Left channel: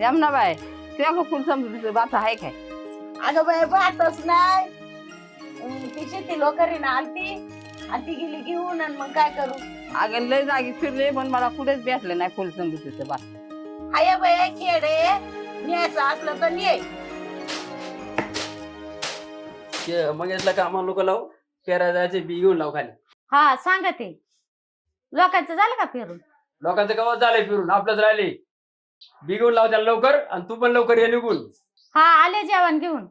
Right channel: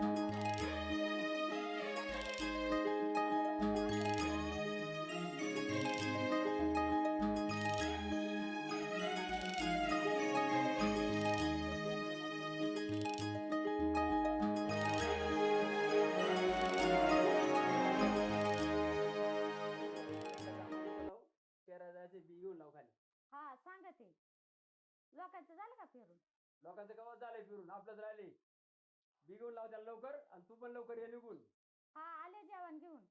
यमुनाबाई तुझ्या फुल समजून बात आहे काय? अगं बाई पाहतच नाही. तिची ती लोकरीनं आलती आणि ती गेली घेऊन आणि मग काय करू. अगं लय जागी फिरले पण मला कुठेच भेटलं नाही फुल समजून बात. हाय बाई खेडे न्यायचं असलं तर ये. मग यातला कामाला लोक लाव, पेरा जायचे बी घेऊन लाव खाली. हा सांगा ते लोकांचं झालं का फिरून? लोकांचं गावात झालंय फिरून, आपलंच राहिले. बी घेऊन लाव त्याला लवकर, आणि तू पण लवकर ये निघून. हा आले जेवण घेऊन.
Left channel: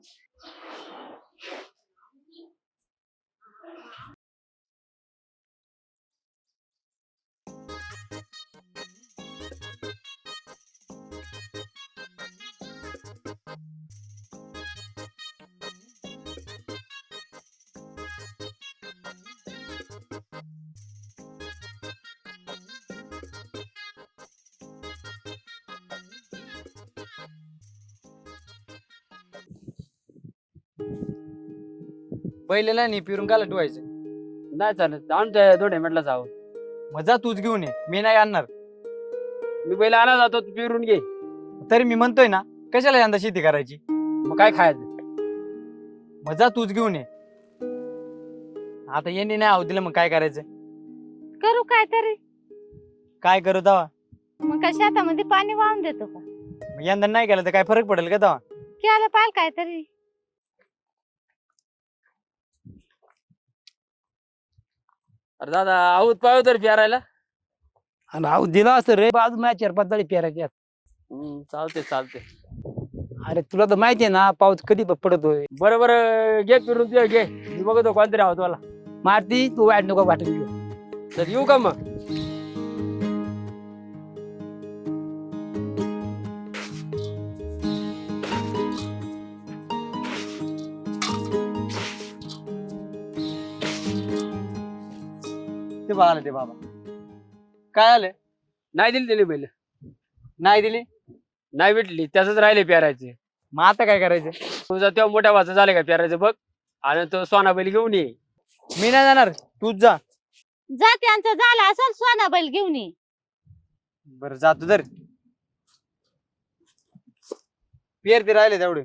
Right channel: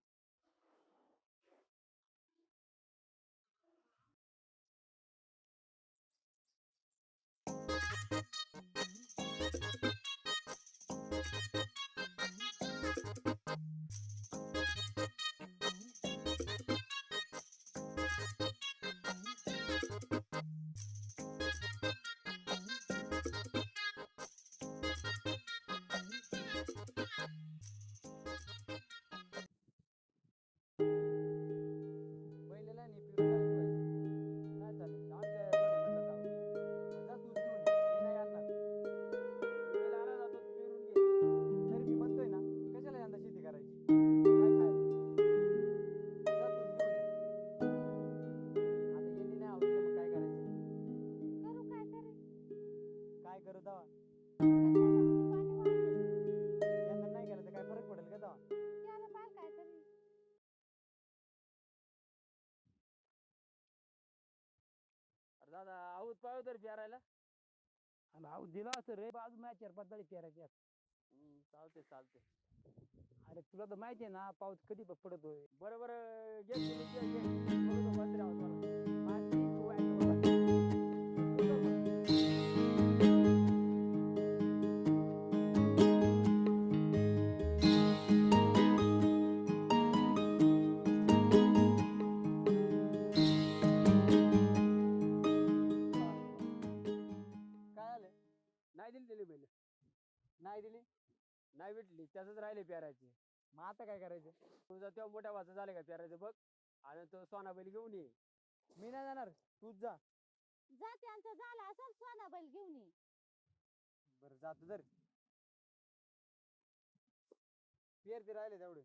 बैलेला नाही फिरून काला ठेवायचं. नाही चालत, जाऊन त्या दोन हेमेटला जाऊ. मजा तूच घेऊन ये, मी नाही आणणार. मी पहिला आणा जातो, तू फिरून घे. तरी मी म्हणतोय ना, कशाला यंदा शेती करायची. मग काय खायचं? मजा तूच घेऊन ये. आता येणे नाही आहो दिलं, मग काय करायचं? करू काय तरी. काय करू तवा? मग काय शेतामध्ये पाणी वाहून देतो का? मग यंदा नाही केलं तर काय फरक पडेल का तवा? केलं पाहिजे काय तरी. अरे दादा आऊत पाहू तर पेरायला. आणि आऊ दिला असं रे बाजू मॅचर पातळी पेरायची. चालते चालते. अरे तुला तर माहितीये ना पाऊस कधी पडतोय. बरोबर घे फिरून तुझ्या घे, मी बघतो कोणतरी आहोत मला. मारती तू वाईट नको वाटत. तर येऊ का मग? ते बघायला ते बाबा काय आलं? नाही दिली त्याने पहिले. नाही दिली. नाही भेटली, त्याच राहिले पेरायचे. मग आता काय करायचं? तुझा तेव्हा मोठ्या वाचा झाले का पेरायचं बघ, आणि तो सोना बैल घेऊन ये. मी नाही जाणार, तूच जा. जा त्यांचं झालं असेल सोना बैल घेऊन ये. बरं जातो तर. पेर ते राहिले तेवढे.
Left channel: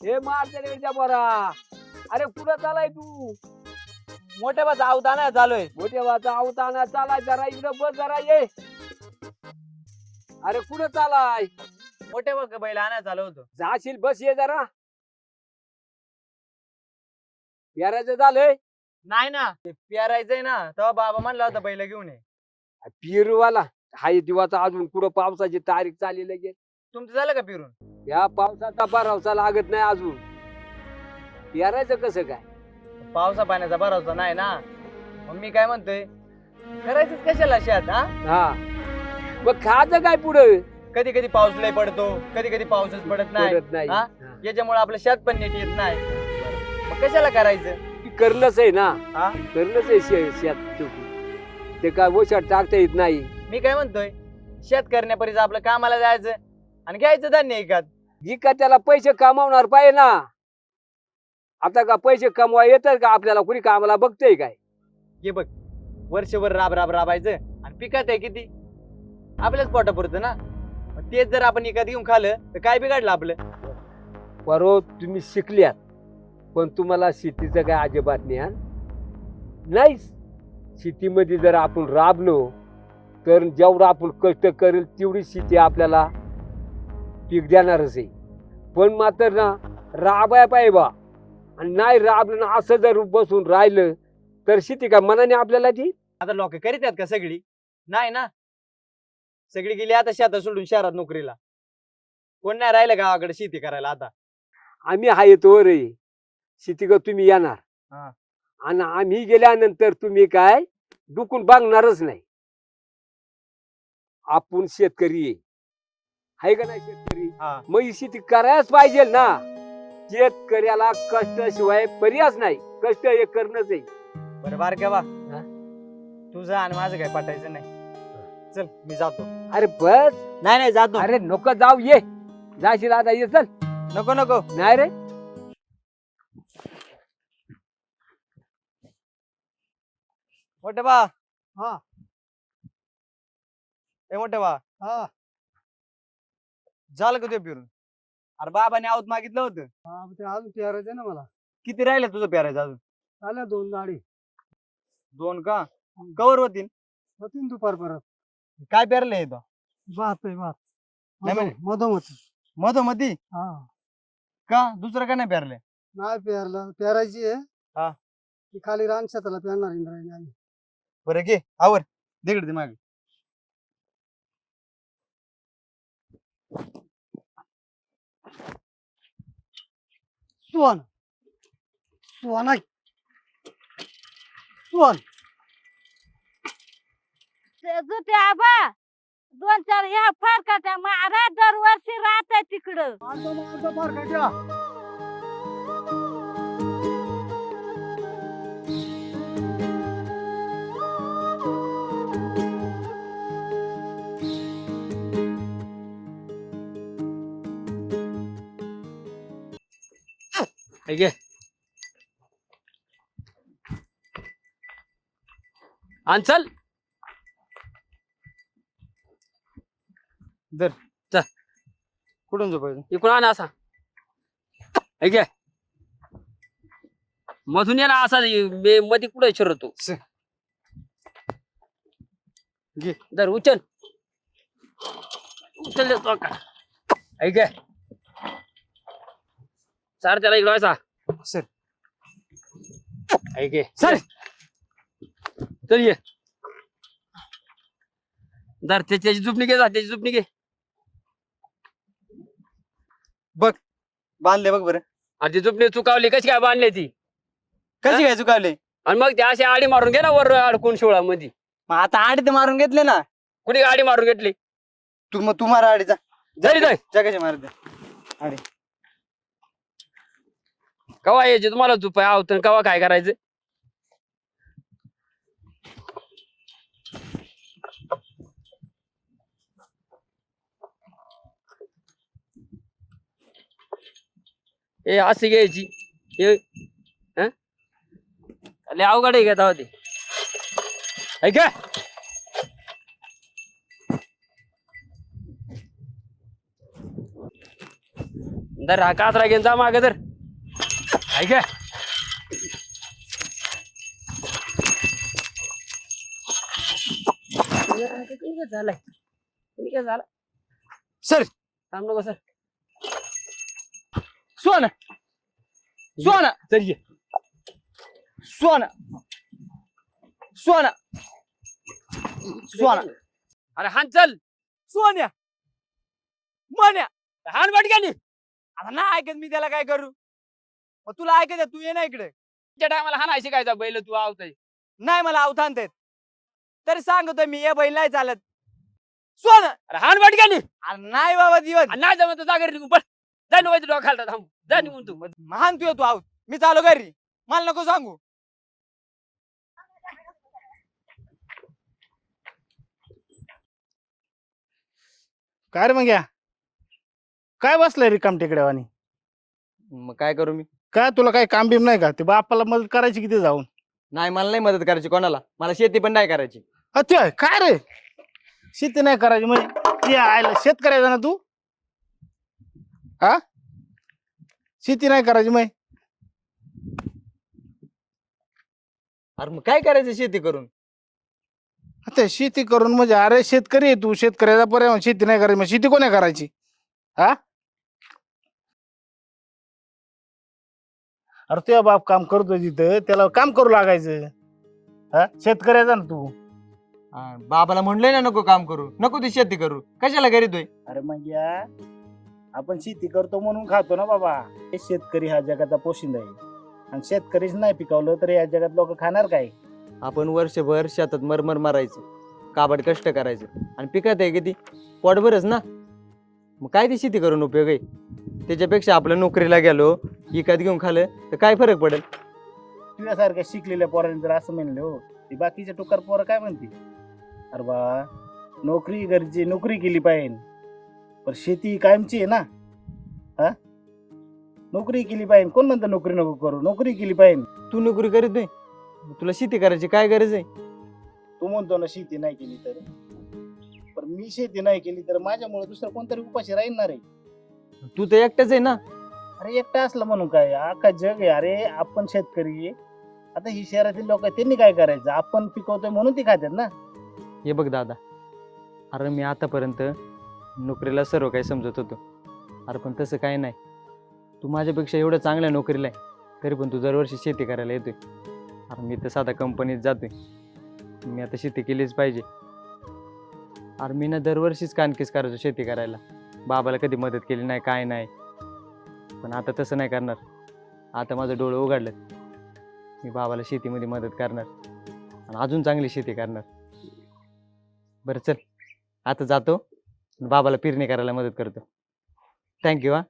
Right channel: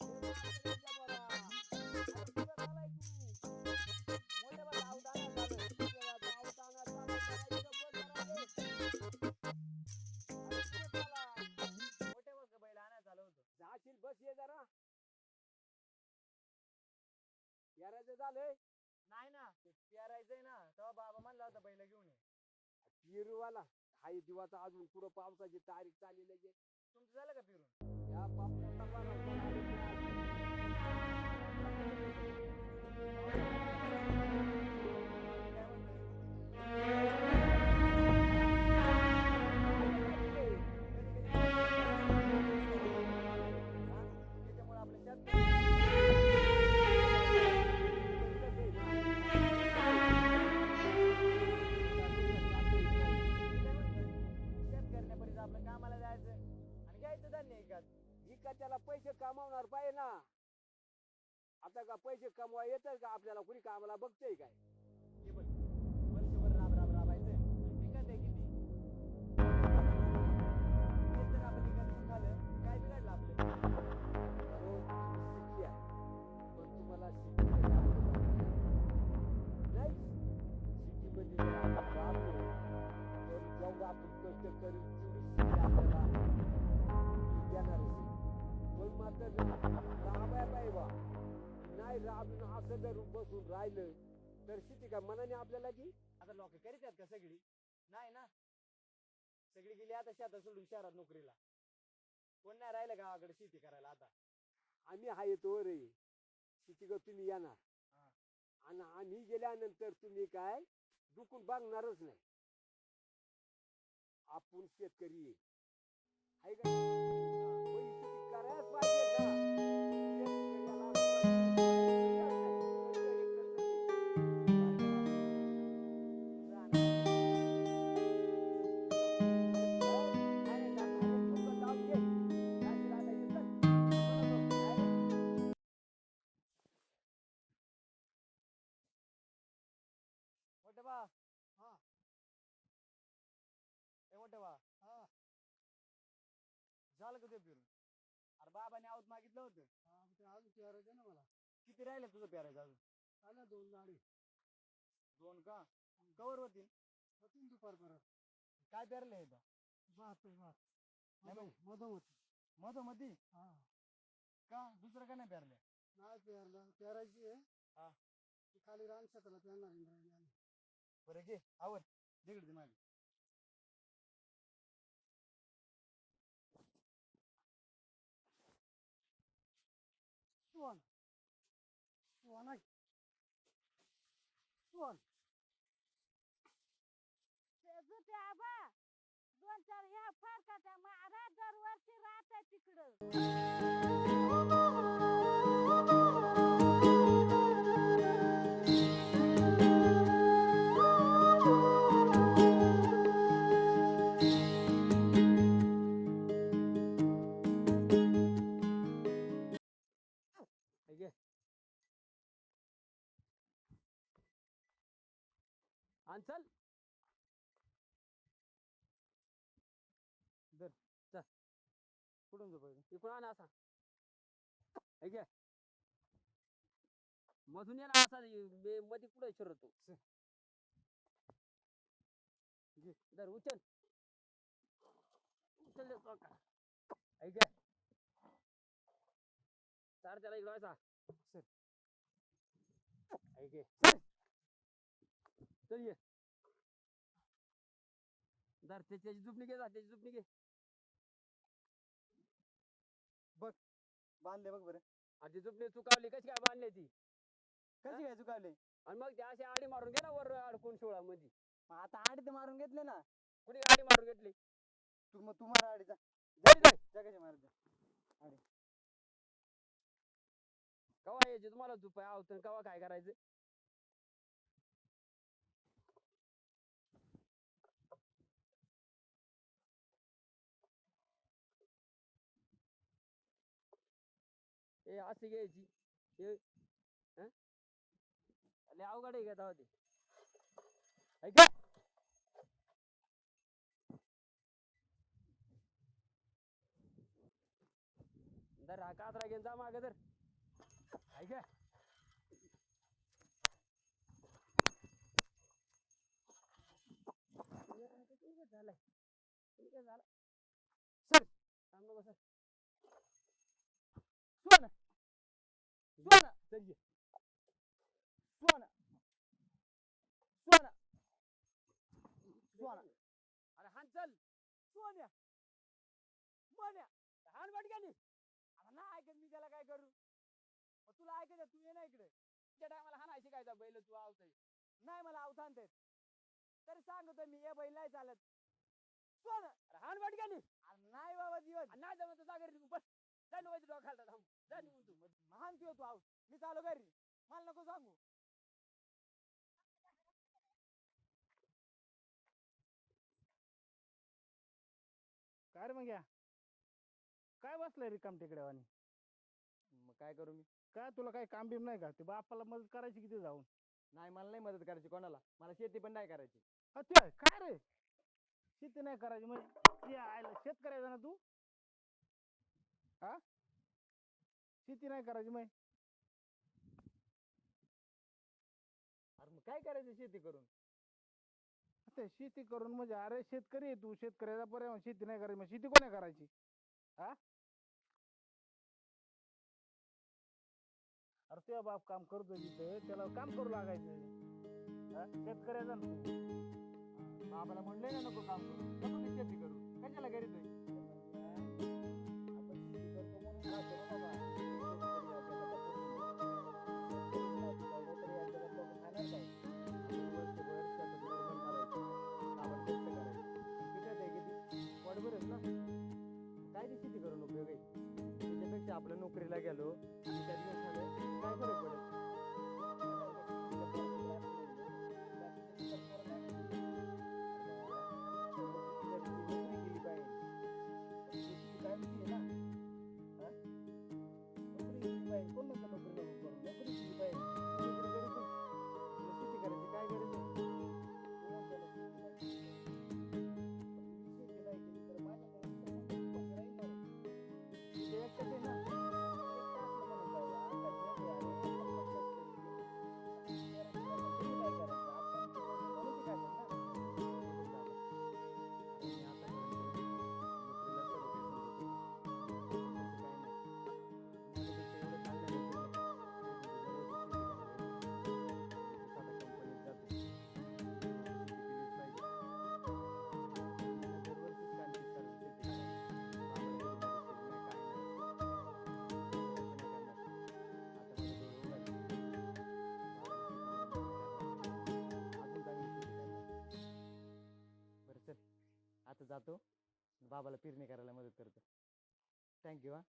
हे मारच्या बरा. अरे कुठं चालाय तू? मोठ्या बाजा आवताना चालूय. मोठ्या वाचा आवताना चालाय, जरा इकडं बस, जरा ये. अरे कुठं चालाय? मोठ्या बघ बैल आणायला चालू होतो. जाशील, बस ये जरा. पेरायचं झालंय. नाही ना, ते पेरायचंय ना, तेव्हा बाबा म्हणला होता बैल घेऊन ये. पिरूवाला हाय दिवाचा अजून कुठं पावसाची तारीख चालली लगेच. तुमचं झालं का फिरून? या पावसाचा भरवसा लागत नाही अजून. पेरायचं कसं काय? पावसा पाण्याचा भरोसा नाही ना. मग मी काय म्हणतोय, करायचंच कशाला शेत? हा हा मग खायचं काय पुढं? कधी कधी पाऊस लय पडतो, कधी कधी पाऊसच पडत नाही. पडत नाही. हा? याच्यामुळे आपलं शेत पण नीट येत नाही. मग कशाला करायचं? ती करणंच आहे ना. हा? करणंच आहे शेत. ते काय ओशात टाकता येत नाही. मी काय म्हणतोय, शेत करण्यापरीच आपलं कामाला जायचं आणि घ्यायचं धान्य एकात. जी का त्याला पैसे कमावणार पाहिजे ना. आता का पैसे कमवा येतात का आपल्याला? कुणी कामाला बघतय काय? हे बघ, वर्षभर राबायचं आणि पिकात आहे किती आपल्याच पोटापुरतं ना. मग तेच जर आपण एकात घेऊन खाल्लं तर काय बिघडलं आपलं? परत तुम्ही शिकल्यात, पण तुम्हाला शेतीचं काय अजिबात ज्ञान नाही. शेतीमध्ये जर आपण राबलो तर जेवढं आपण कष्ट करेल तेवढी शेती आपल्याला पीक देणारच आहे. पण मात्र ना राबाय पाहिजे बा. आणि नाही राबलं ना, असं जर बसून राहिलं तर शेती का मनाने आपल्याला ती. आता लोक करीत आहेत का सगळी? नाही ना. सगळी गेली आता शेतात सोडून शहरात नोकरीला. कोण नाही राहिलं गावाकडे शेती करायला आता. आम्ही आहे तो रे शेती का तुम्ही येणार. हा. आणि आम्ही गेल्यानंतर तुम्ही काय डुकून बघणारच नाही. आपण शेतकरी आहे का नाही शेतकरी? हा. मग ही शेती करायलाच पाहिजे ना. शेतकऱ्याला कष्टाशिवाय पर्यायच नाही. कष्ट हे करणंच आहे. बरं बारक्या बा, तुझं आणि माझं काय पटायचं नाही. चल मी जातो. अरे बस. नाही नाही जातो. अरे नको जाऊ, ये. जाशील आता, ये चल. नको नको. नाही रे. मोठे बा. हा. ए मोठे बा. हा. झालं का ते फिरून? अरे बाबाने आवत मागितलं होतं. ते अजून पेरायचं ना मला. किती राहिले तुझं पेरायचं अजून? आल्या 2 गाडी 2 का? कवर होतील. होतीन दुपार परत. काय पेरलंय तो? भात आहे भात. नाही म्हणे. मधोमध. मधोमधी हा. का? दुसरं का नाही पेरलंय? नाही पेरलं, पेरायची आहे. हा. ती खाली रान शेताला पेरणार इंद्रायणी आम्ही. बरं घे आवर तिकडे ते मागे. सुवन सुवन आहे. सुवन. ते आबा 2-4 ह्या फरकाच्या मारा दरवर्षी राहत तिकडं. हे घे. आण चल. कुठून झोपायचं? इकडून आण असा. हे घे. मधून ये ना असा, मध्ये कुठे शिरतो. घे. दर उचल. उचल देतो का? हे घे. सर त्याला इकडं व्हायचा. सर. हे घे. सर. चल ये. दर त्याची झुपणी घे, जा त्याची झुपणी घे. बांधले बघ बरं. आणि ती झुपणी चुकावली, कशी काय बांधली ती? कशी काय चुकावले? आणि मग ते अशी आडी मारून घे ना वर अडकून शिवळा मध्ये. मग आता आडी तर मारून घेतले ना. कुणी आडी मारून घेतली? तू मारा आडीचा. जरी जाय. जगाची मारते आडी. कवा यायचे तुम्हाला चुपाय आवत, कवा काय करायचं? ए अशी घ्यायची. हे लय अवघड आहे घेता होती. ऐक दर हा कातरा घेऊन जा मागे तर. ऐक झालंय. काय झालं? सर. थांब नको सर. सोना सोना चल ये. सोना सोना सोना. अरे हान चल. सोन्या मन्या. हान बटक्यानी. आता नाही ऐकत मी, त्याला काय करू? मग तुला ऐकत तू ये ना इकडे. त्या टायमाला हान ऐशी काय बैल तू आवताय. नाही मला अवधान देत तरी सांगतोय मी, ये बैल नाही चालत. सोना. अरे हान बटक्यानी. अरे नाही बाबा दिवस. नाही जमत जागर निघून पड. जा निघून डोका खालता. थांब जा निघून तू. महान तू येतो आहोत. मी चालू घरी, मला नको सांगू. काय रे मग या काय बसलाय रिकाम टेकड्यावानी? मग काय करू मी? काय तुला काय काम बिम नाही का? ते बापाला मदत करायची किती जाऊन? नाही मला नाही मदत करायची कोणाला. मला शेती पण नाही करायची. ते काय रे शेती नाही करायची म्हणजे ते आयला शेतकऱ्याचा ना तू? हा शेती नाही करायची मग? अरे मग काय करायचं शेती करून? आता शेती करून म्हणजे अरे शेतकरी आहे तू, शेतकऱ्याचा पर्याय शेती नाही करायची, मग शेती कोणी करायची? हा अरे तुझा बाप काम करतोय तिथं, त्याला काम करू लागायचं. हा शेतकऱ्याचा ना तू. बाबाला म्हणलंय ना नको काम करू, नको ती शेती करू, कशाला करीतोय? अरे मग या आपण शेती करतो म्हणून खातो ना बाबा. हे शेतकरी हा जगाचा पोशिंदा आहे, आणि शेतकरीच नाही पिकवलं तर या जगात लोक खाणार काय? आपण वर्षभर शेतात मरमर मारायचं, काबड कष्ट करायचं, आणि पिकत आहे किती? पोटभरच ना. मग काय ती शेती करून उपयोग आहे? त्याच्यापेक्षा आपल्या नोकरीला गेलो, विकत घेऊन खाल्लं तर काय फरक पडेल? तुझ्यासारख्या शिकलेल्या पोरांनी जर असं म्हणलं हो, ती बाकीचे टोकर पोरं काय म्हणते? अरे बा नोकरी गरजे नोकरी केली पाहिजे, पण शेती कायमची आहे ना. हा, नोकरी केली पाहिजे. कोण म्हणतं नोकरी नको करू? नोकरी केली पाहिजे. तू नोकरी करीत नाही, तुला शेती करायची काय गरज आहे? तू म्हणतो ना शेती नाही केली तर, पण मी शेती नाही केली तर माझ्यामुळे दुसरं कोणतरी उपाशी राहणार आहे. तू तर एकटाच आहे ना. अरे एकटा असलं म्हणून काय, अख्खा जग आहे. अरे आपण शेतकरी आहे. आता ही शहरातील लोक आहेत, त्यांनी काय करायचं? आपण पिकवतोय म्हणून ती खातात ना. हे बघ दादा, अरे मी आतापर्यंत नोकरीला सर्व काही समजत होतो. अरे पण तसं काही नाही. तू माझ्यापेक्षा एवढं चांगल्या नोकरीला आहे, तरी पण तू दरवर्षी शेती करायला येतोय. अरे मी तर साधा कंपनीत जातोय, मी आता शेती केलीच पाहिजे. अरे मी ना दरवर्षीच कानकीस करायचो शेती करायला. बाबाला कधी मदत केली नाही, काय नाही. पण आता तसं नाही करणार. आता माझं डोळं उघडलं, मी बाबाला शेतीमध्ये मदत करणार आणि अजून चांगली शेती करणार. बरं चल, आता जातो, बाबाला पेरणी करायला मदत करतो. थँक्यू. हा,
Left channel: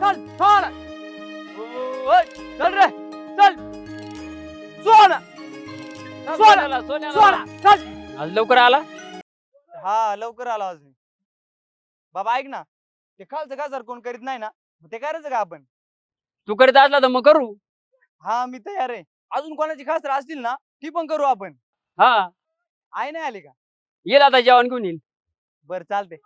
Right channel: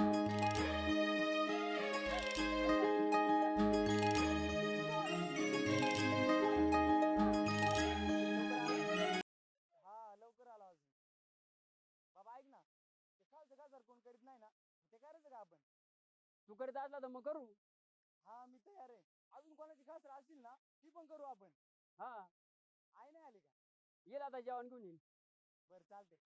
चल सोना, ओय, चल रे, चल सोना, सोना, सोना, चल. आज लवकर आला. हा लवकर आलो आज मी. बाबा ऐक ना, ते खालचं गाजर कोण करीत नाही ना, मग ते करायचं का आपण? तू करीत असला तर मग करू. हा मी तयार आहे. अजून कोणाची खासर असतील ना ती पण करू आपण. हा, आई नाही आली का? येईल आता जेवण घेऊन येईल. बरं चालते.